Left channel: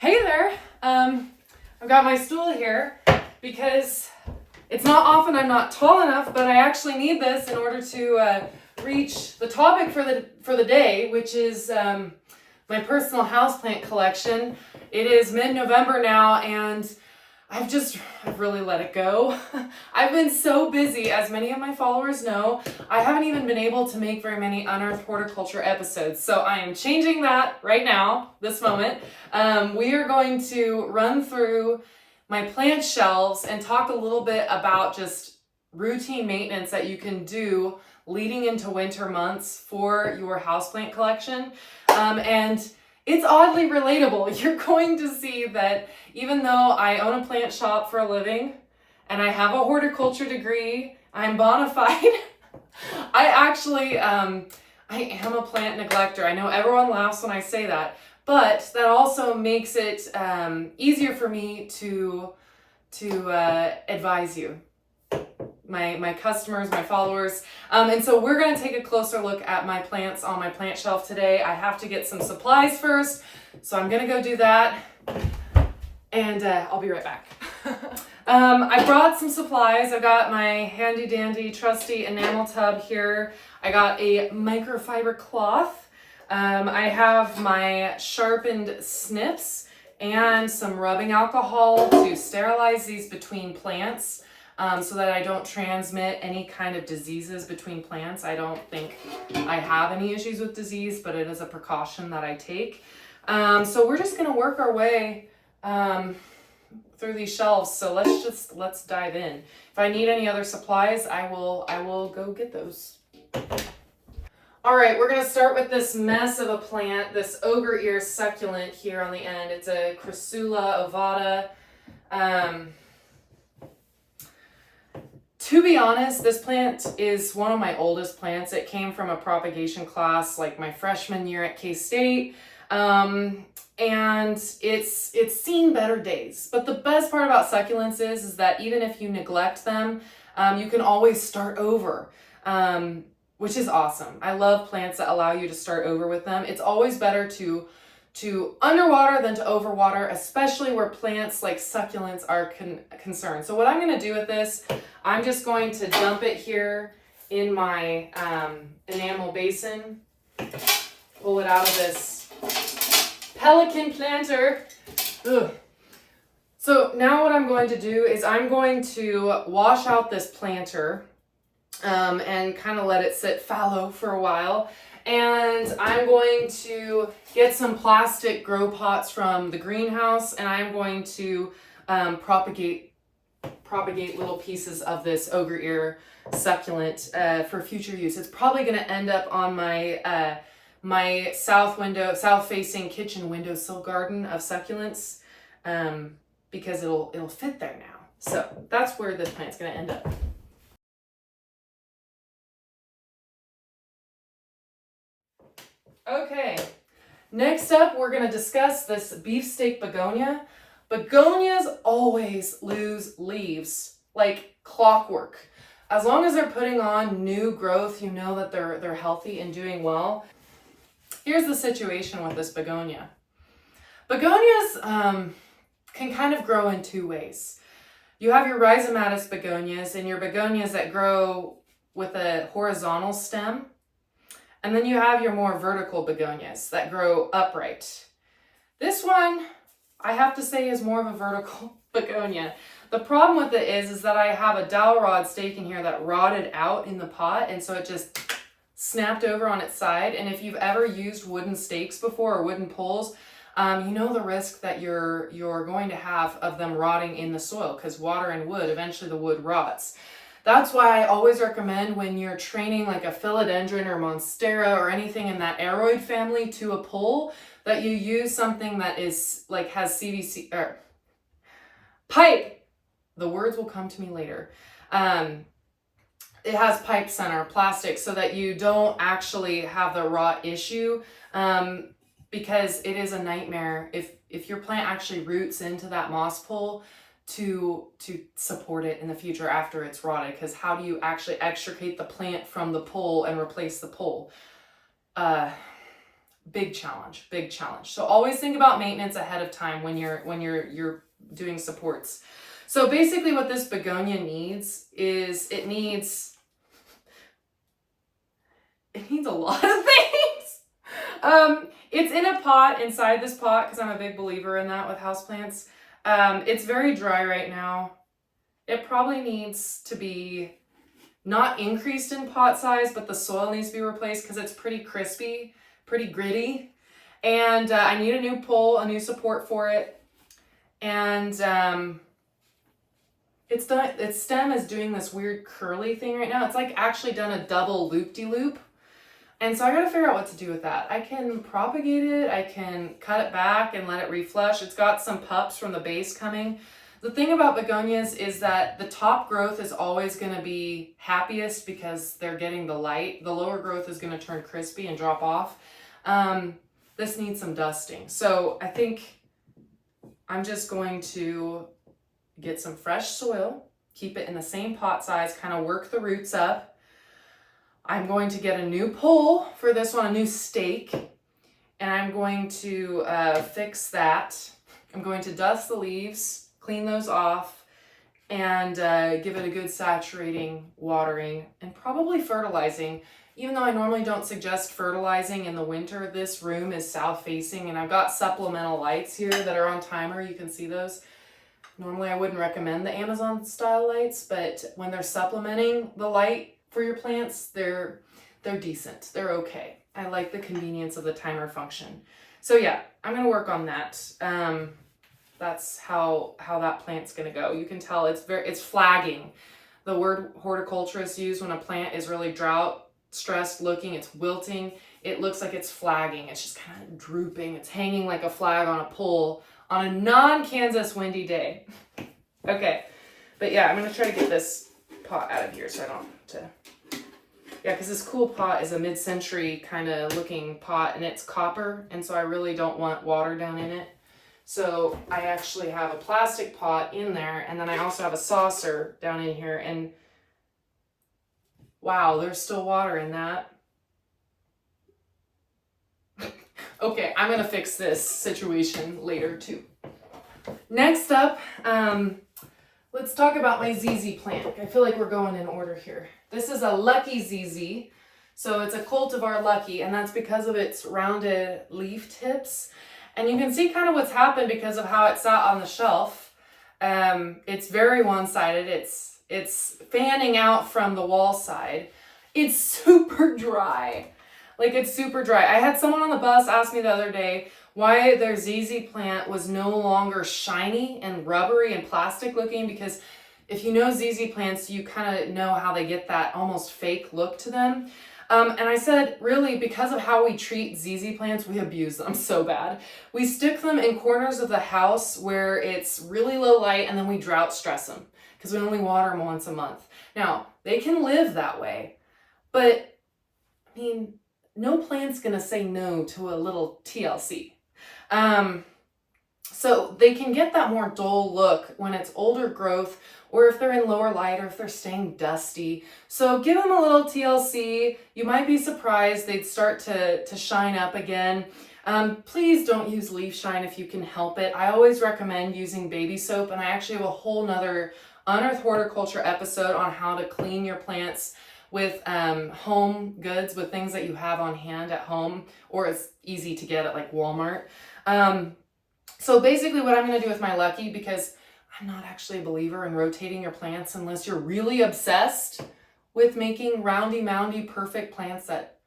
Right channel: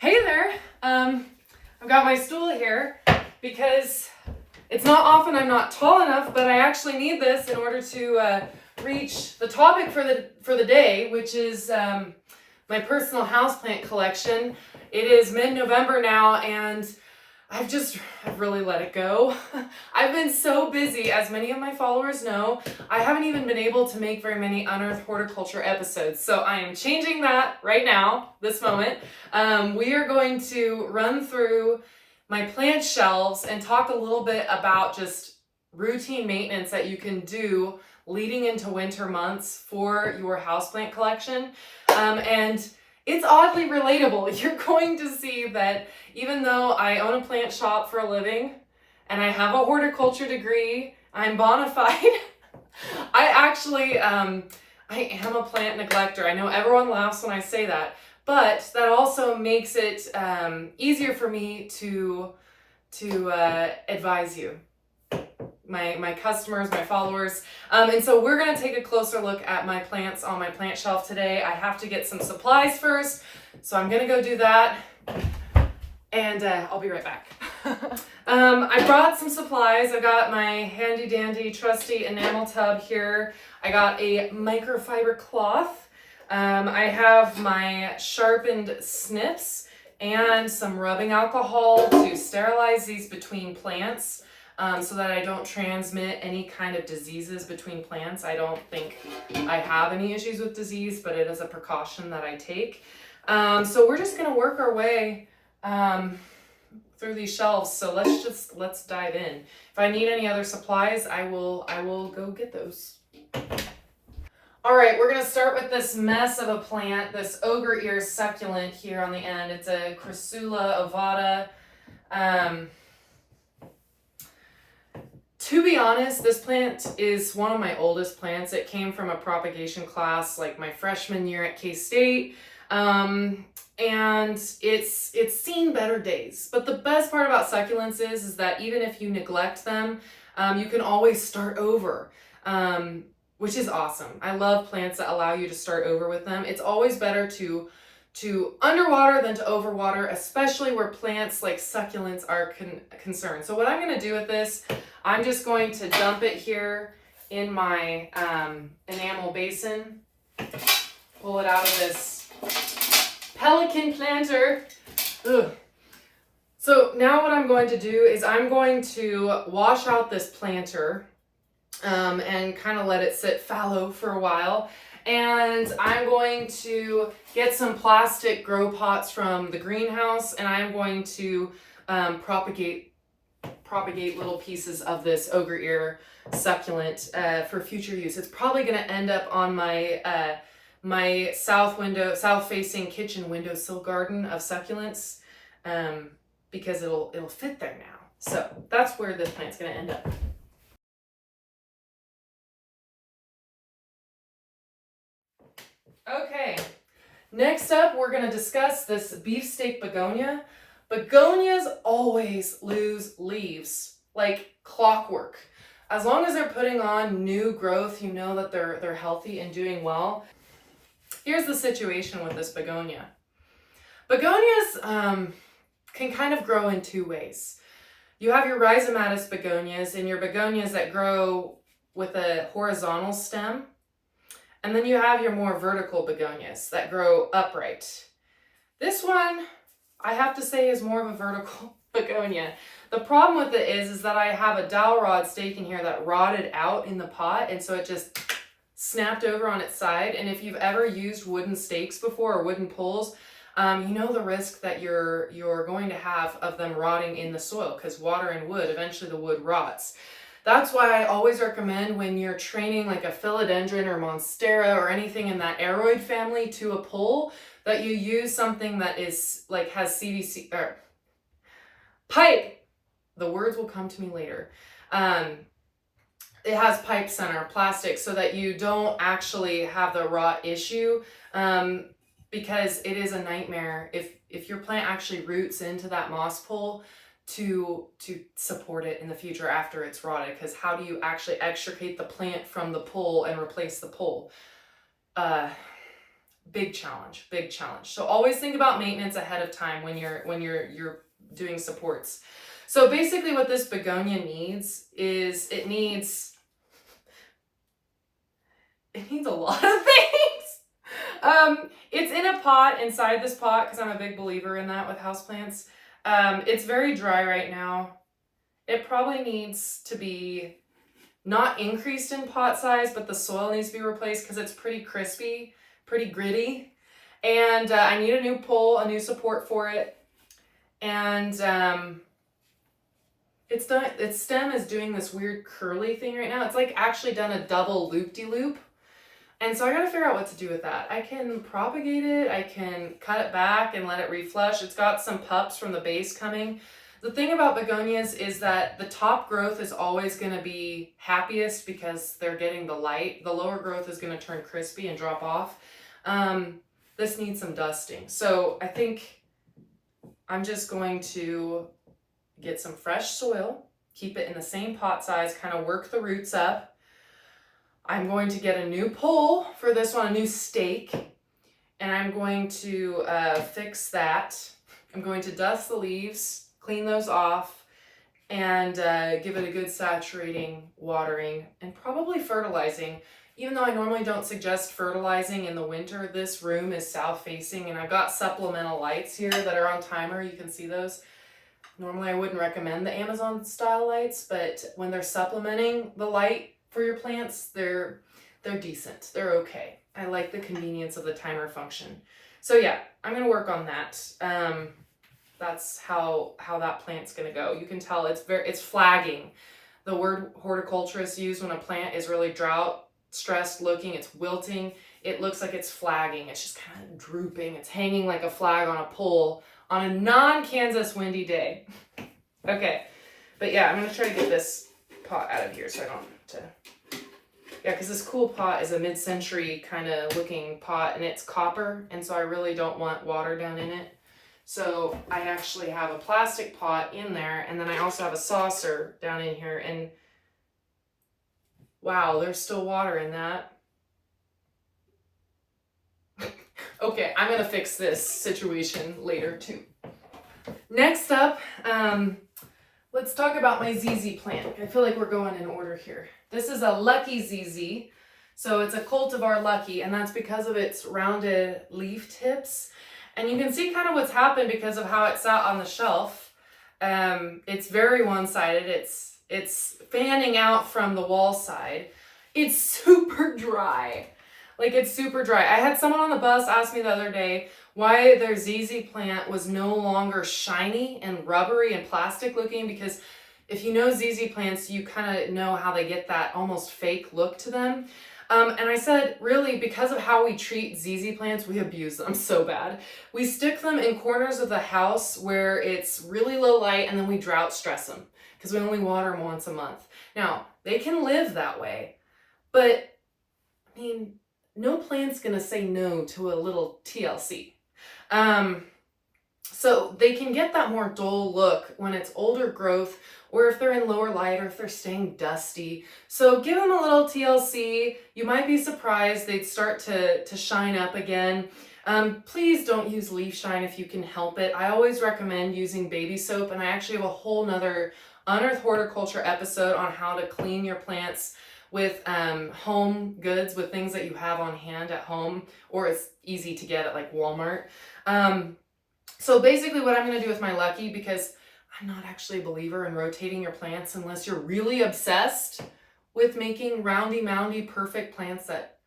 Hey there, I've got my stool here because it's not often I'm not tall enough, but I actually need this in order to reach the topic for the day, which is my personal houseplant collection. It is mid-November now, and I've really let it go. I've been so busy, as many of my followers know. I haven't even been able to make very many unearthed horticulture episodes, so I am changing that right now, this moment. We are going to run through my plant shelves and talk a little bit about just routine maintenance that you can do leading into winter months for your houseplant collection. And it's oddly relatable. You're going to see that even though I own a plant shop for a living and I have a horticulture degree, I'm bona fide. I actually, I am a plant neglector. I know everyone laughs when I say that, but that also makes it easier for me to advise you, my customers, my followers. And so we're going to take a closer look at my plants on my plant shelf today. I have to get some supplies first, so I'm going to go do that, and I'll be right back. I brought some supplies. I've got my handy dandy trusty enamel tub here. I got a microfiber cloth. I have my sharpened snips and some rubbing alcohol to sterilize these between plants. So that I don't transmit any kind of diseases between plants. I don't think I have any issues with disease, but it is a precaution that I take. So we're just gonna work our way through these shelves. So let's dive in. If I need any other supplies, I will go get those. All right, we're gonna start with this mess of a plant, this Ogre Ear Succulent here on the end. It's a Crassula ovata. To be honest, this plant is one of my oldest plants. It came from a propagation class like my freshman year at K-State. And it's seen better days. But the best part about succulents is that even if you neglect them, you can always start over, which is awesome. I love plants that allow you to start over with them. It's always better to underwater than to overwater, especially where plants like succulents are concerned. So what I'm going to do with this, I'm just going to dump it here in my enamel basin, pull it out of this pelican planter. Ugh. So now what I'm going to do is I'm going to wash out this planter and kind of let it sit fallow for a while. And I'm going to get some plastic grow pots from the greenhouse, and I'm going to propagate little pieces of this Ogre Ear Succulent for future use. It's probably going to end up on my my south-facing kitchen windowsill garden of succulents because it'll fit there now. So that's where this plant's going to end up. Okay, next up we're going to discuss this Beefsteak Begonia. Begonias always lose leaves like clockwork. As long as they're putting on new growth, you know that they're healthy and doing well. Here's the situation with this begonia. Begonias can kind of grow in two ways. You have your rhizomatous begonias and your begonias that grow with a horizontal stem. And then you have your more vertical begonias that grow upright. This one, I have to say, is more of a vertical begonia. The problem with it is that I have a dowel rod stake in here that rotted out in the pot, and so it just snapped over on its side. And if you've ever used wooden stakes before or wooden poles, you know the risk that you're going to have of them rotting in the soil, because water and wood, eventually the wood rots. That's why I always recommend when you're training like a philodendron or monstera or anything in that aroid family to a pole, that you use something that is like has CVC or pipe. The words will come to me later. It has pipe center plastic so that you don't actually have the rot issue, because it is a nightmare if your plant actually roots into that moss pole to support it in the future after it's rotted, because how do you actually extricate the plant from the pole and replace the pole? big challenge, big challenge. So always think about maintenance ahead of time when you're doing supports. So basically what this begonia needs is it needs a lot of things. It's in a pot inside this pot because I'm a big believer in that with houseplants. It's very dry right now. It probably needs to be not increased in pot size, but the soil needs to be replaced because it's pretty crispy, pretty gritty. And I need a new pole, a new support for it. And its stem is doing this weird curly thing right now. It's like actually done a double loop-de-loop. And so I gotta figure out what to do with that. I can propagate it, I can cut it back and let it reflush. It's got some pups from the base coming. The thing about begonias is that the top growth is always gonna be happiest because they're getting the light. The lower growth is gonna turn crispy and drop off. This needs some dusting. So I think I'm just going to get some fresh soil, keep it in the same pot size, kind of work the roots up. I'm going to get a new pole for this one, a new stake, and I'm going to fix that. I'm going to dust the leaves, clean those off, and give it a good saturating watering and probably fertilizing. Even though I normally don't suggest fertilizing in the winter, this room is south facing and I've got supplemental lights here that are on timer. You can see those. Normally I wouldn't recommend the Amazon style lights, but when they're supplementing the light for your plants, they're decent. They're okay. I like the convenience of the timer function. So yeah, I'm gonna work on that. That's how that plant's gonna go. You can tell it's flagging. The word horticulturists use when a plant is really drought stressed looking, it's wilting. It looks like it's flagging. It's just kind of drooping. It's hanging like a flag on a pole on a non-Kansas windy day. Okay, but yeah, I'm gonna try to get this pot out of here so I don't have to. Yeah, because this cool pot is a mid-century kind of looking pot and it's copper, and so I really don't want water down in it. So I actually have a plastic pot in there, and then I also have a saucer down in here, and wow, there's still water in that. Okay, I'm gonna fix this situation later too. Next up, let's talk about my ZZ plant. I feel like we're going in order here. This is a Lucky ZZ. So it's a cultivar Lucky, and that's because of its rounded leaf tips. And you can see kind of what's happened because of how it sat on the shelf. It's very one-sided. It's fanning out from the wall side. It's super dry. Like, it's super dry. I had someone on the bus ask me the other day why their ZZ plant was no longer shiny and rubbery and plastic looking, because if you know ZZ plants, you kind of know how they get that almost fake look to them. And I said, really, because of how we treat ZZ plants, we abuse them so bad. We stick them in corners of the house where it's really low light, and then we drought stress them because we only water them once a month. Now, they can live that way, but I mean, no plant's gonna say no to a little TLC. So they can get that more dull look when it's older growth, or if they're in lower light, or if they're staying dusty. So give them a little TLC. You might be surprised they'd start to shine up again. Please don't use leaf shine if you can help it. I always recommend using baby soap, and I actually have a whole nother Unearthed Horticulture episode on how to clean your plants with home goods, with things that you have on hand at home, or it's easy to get at like Walmart. So basically what I'm going to do with my Lucky, because I'm not actually a believer in rotating your plants unless you're really obsessed with making roundy moundy perfect plants that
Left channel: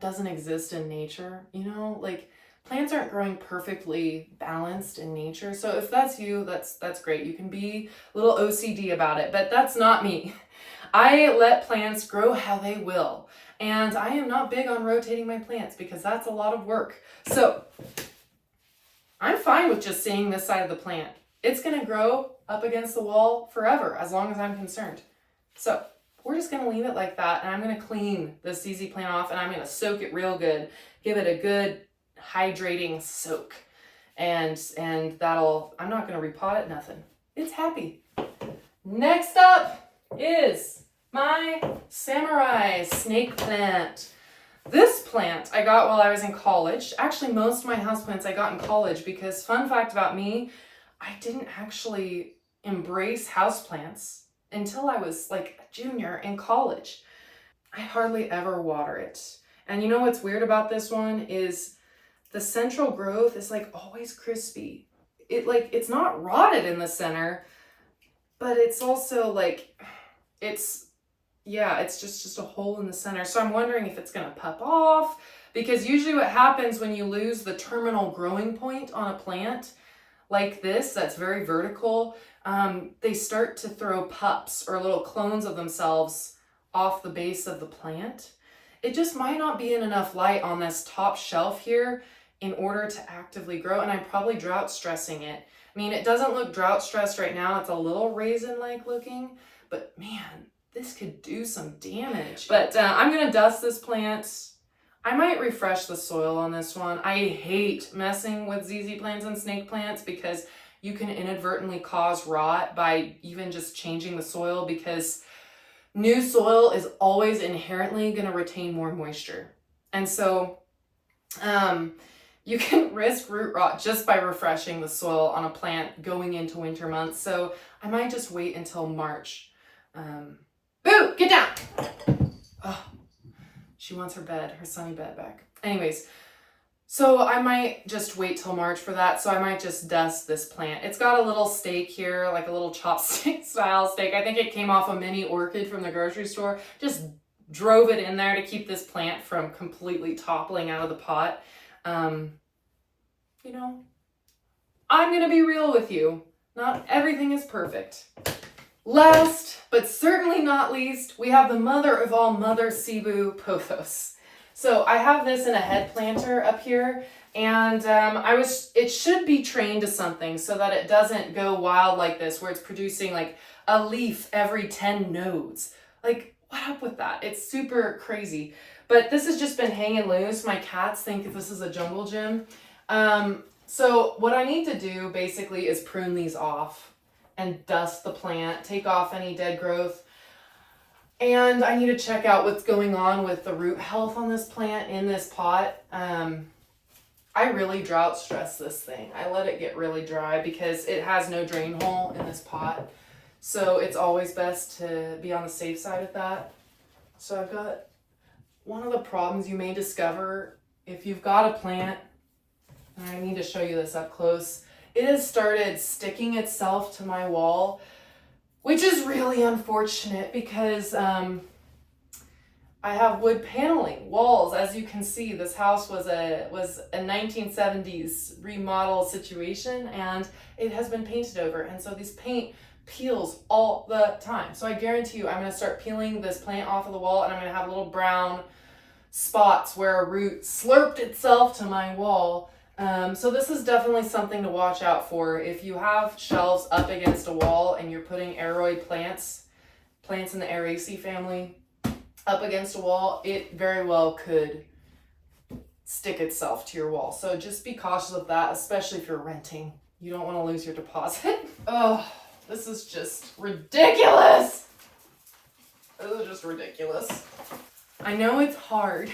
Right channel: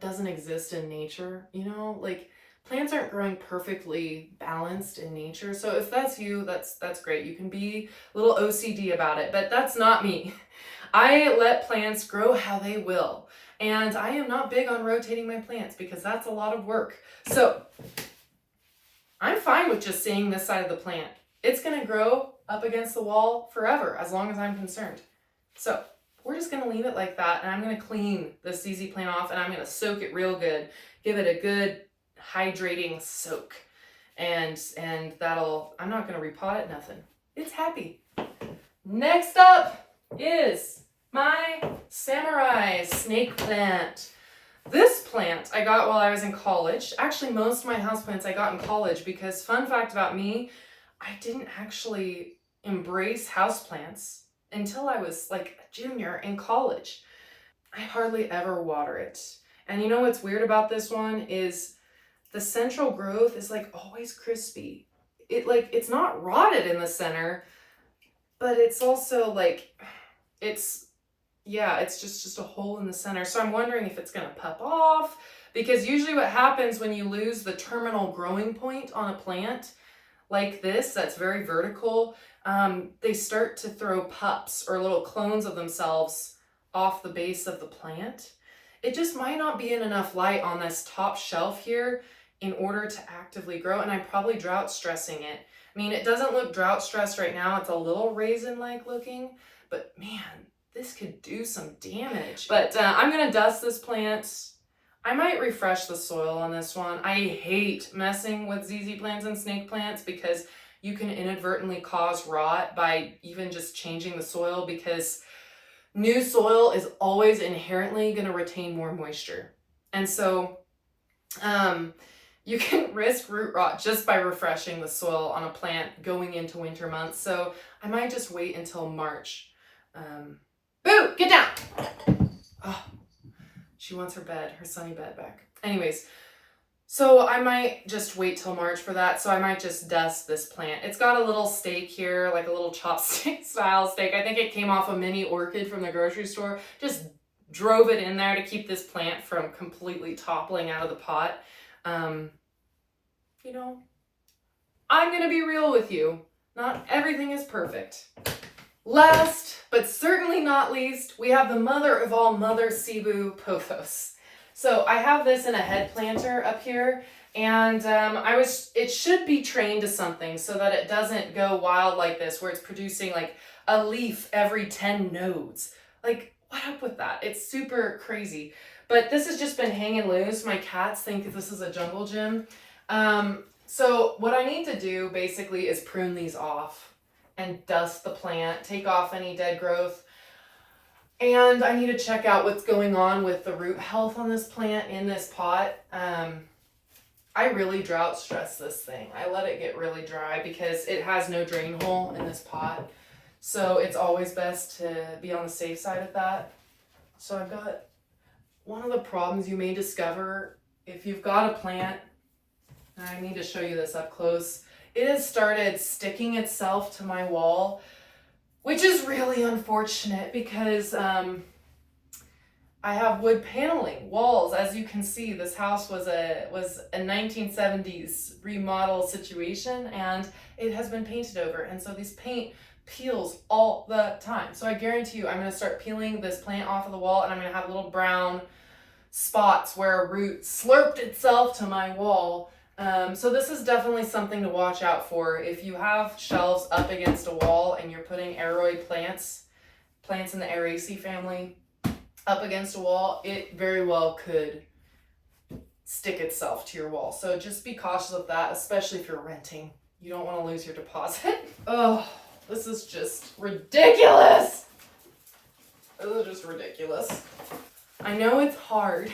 doesn't exist in nature. You know, like, plants aren't growing perfectly balanced in nature. So if that's you, that's great. You can be a little OCD about it, but that's not me. I let plants grow how they will. And I am not big on rotating my plants because that's a lot of work. So I'm fine with just seeing this side of the plant. It's going to grow up against the wall forever, as long as I'm concerned. So we're just going to leave it like that. And I'm going to clean this ZZ plant off, and I'm going to soak it real good. Give it a good hydrating soak. And that'll, I'm not going to repot it, nothing. It's happy. Next up is my samurai snake plant. This plant I got while I was in college. Actually, most of my houseplants I got in college because, fun fact about me, I didn't actually embrace houseplants until I was like a junior in college. I hardly ever water it. And you know what's weird about this one is the central growth is like always crispy. It's not rotted in the center, but it's also like, it's just a hole in the center. So I'm wondering if it's gonna pup off, because usually what happens when you lose the terminal growing point on a plant like this, that's very vertical, they start to throw pups or little clones of themselves off the base of the plant. It just might not be in enough light on this top shelf here in order to actively grow, and I'm probably drought stressing it. I mean, it doesn't look drought stressed right now. It's a little raisin-like looking, but man, this could do some damage. But I'm gonna dust this plant. I might refresh the soil on this one. I hate messing with ZZ plants and snake plants because you can inadvertently cause rot by even just changing the soil, because new soil is always inherently gonna retain more moisture. And so you can risk root rot just by refreshing the soil on a plant going into winter months. So I might just wait until March. Boo, get down. Oh, she wants her bed, her sunny bed back. Anyways, so I might just wait till March for that. So I might just dust this plant. It's got a little stake here, like a little chopstick style stake. I think it came off a mini orchid from the grocery store. Just drove it in there to keep this plant from completely toppling out of the pot. You know, I'm gonna be real with you. Not everything is perfect. Last, but certainly not least, we have the mother of all mother Cebu, Pothos. So I have this in a head planter up here, and it should be trained to something so that it doesn't go wild like this, where it's producing like a leaf every 10 nodes. Like, what up with that? It's super crazy. But this has just been hanging loose. My cats think this is a jungle gym. So what I need to do basically is prune these off and dust the plant, take off any dead growth. And I need to check out what's going on with the root health on this plant in this pot. I really drought stress this thing. I let it get really dry because it has no drain hole in this pot. So it's always best to be on the safe side of that. So I've got one of the problems you may discover if you've got a plant, and I need to show you this up close. It has started sticking itself to my wall, which is really unfortunate because I have wood paneling walls. As you can see, this house was a 1970s remodel situation, and it has been painted over. And so this paint peels all the time. So I guarantee you I'm going to start peeling this plant off of the wall, and I'm going to have little brown spots where a root slurped itself to my wall. So this is definitely something to watch out for. If you have shelves up against a wall and you're putting aroid plants in the Araceae family up against a wall, it very well could stick itself to your wall. So just be cautious of that, especially if you're renting. You don't want to lose your deposit. Oh, this is just ridiculous. This is just ridiculous. I know it's hard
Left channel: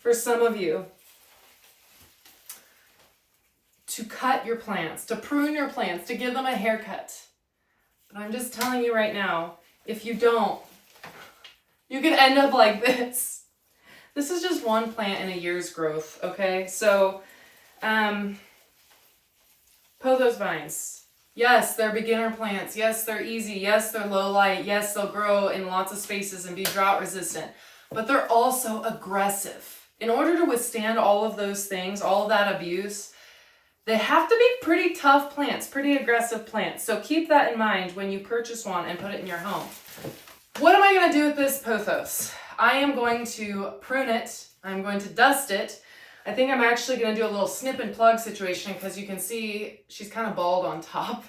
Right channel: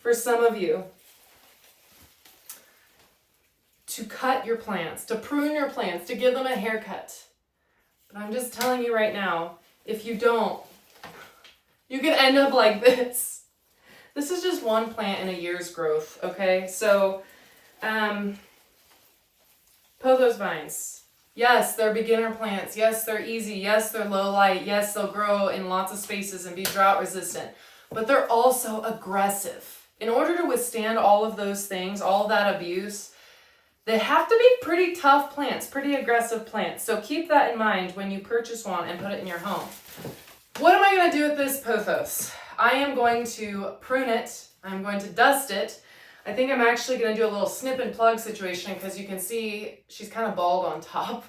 for some of you to cut your plants, to prune your plants, to give them a haircut. But I'm just telling you right now, if you don't, you can end up like this. This is just one plant in a year's growth, okay? So, Pothos vines. Yes, they're beginner plants. Yes, they're easy. Yes, they're low light. Yes, they'll grow in lots of spaces and be drought resistant. But they're also aggressive. In order to withstand all of those things, all of that abuse, they have to be pretty tough plants, pretty aggressive plants. So keep that in mind when you purchase one and put it in your home. What am I going to do with this Pothos? I am going to prune it. I'm going to dust it. I think I'm actually going to do a little snip and plug situation because you can see she's kind of bald on top.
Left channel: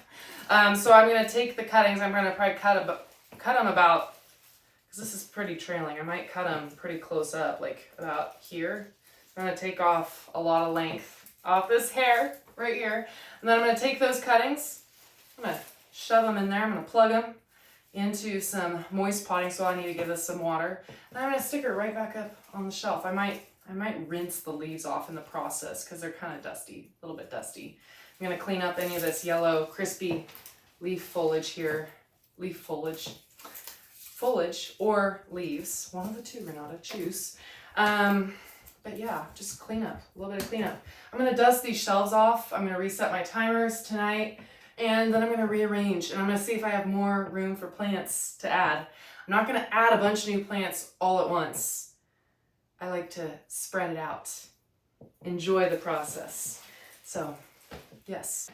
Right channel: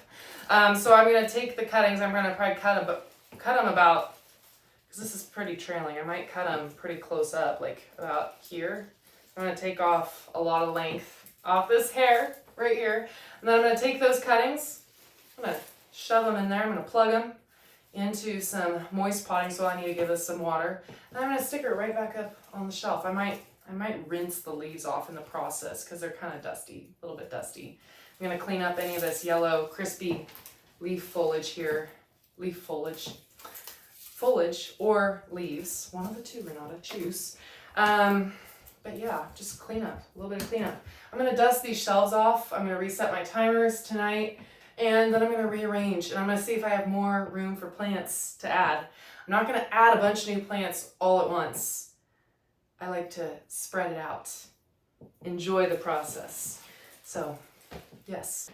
So I'm going to take the cuttings. I'm going to probably cut them about, because this is pretty trailing. I might cut them pretty close up, like about here. I'm going to take off a lot of length off this hair right here. And then I'm going to take those cuttings. I'm going to shove them in there. I'm going to plug them. into some moist potting soil. I need to give this some water. And I'm gonna stick her right back up on the shelf. I might rinse the leaves off in the process because they're kind of dusty, a little bit dusty. I'm gonna clean up any of this yellow, crispy leaf foliage here. Foliage or leaves. One of the two, Renata, choose. But yeah, just clean up, a little bit of cleanup. I'm gonna dust these shelves off. I'm gonna reset my timers tonight, and then I'm gonna rearrange, and I'm gonna see if I have more room for plants to add. I'm not gonna add a bunch of new plants all at once. I like to spread it out. Enjoy the process. So, yes.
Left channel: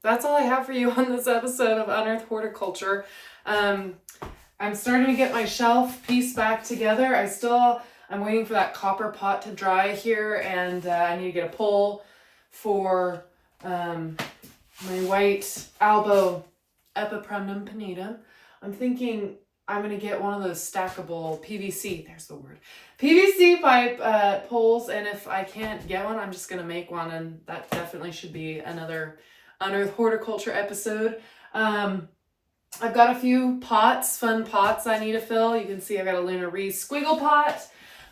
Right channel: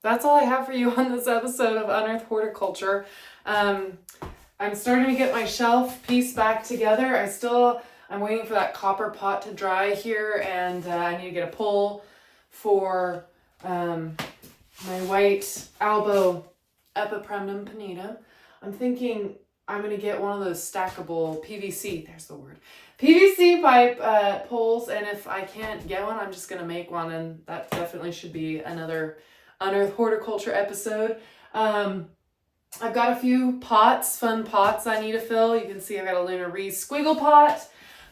That's all I have for you on this episode of Unearthed Horticulture. I'm starting to get my shelf piece back together. I'm waiting for that copper pot to dry here, and I need to get a pole for my white albo Epipremnum pinnatum. I'm thinking I'm going to get one of those stackable PVC, there's the word, PVC pipe poles, and if I can't get one, I'm just going to make one, and that definitely should be another Unearthed Horticulture episode. I've got a few fun pots I need to fill. You can see I've got a Luna Reese squiggle pot.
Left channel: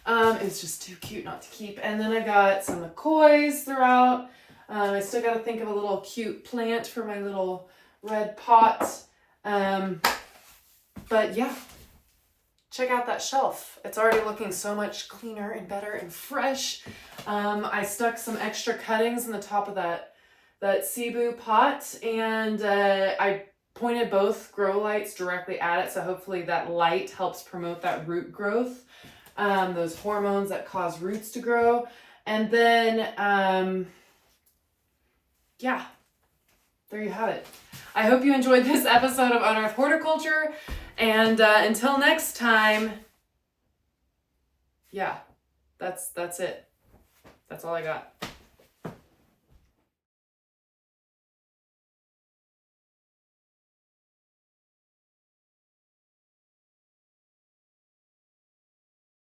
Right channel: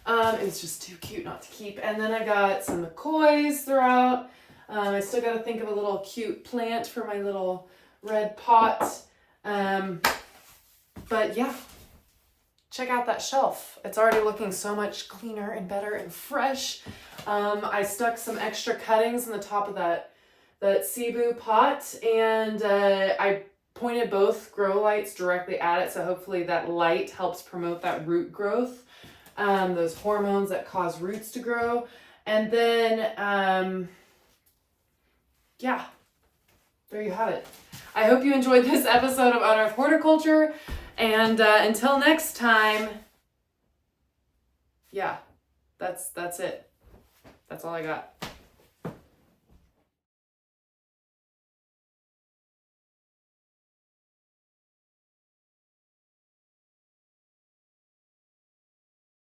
It's just too cute not to keep. And then I've got some McCoys throughout. I still got to think of a little cute plant for my little red pot. But yeah, check out that shelf. It's already looking so much cleaner and better and fresh. I stuck some extra cuttings in the top of that Cebu pot, and I pointed both grow lights directly at it, so hopefully that light helps promote that root growth, those hormones that cause roots to grow. And then yeah, there you have it. I hope you enjoyed this episode of Unearthed Horticulture, and until next time, yeah, that's it. That's all I got.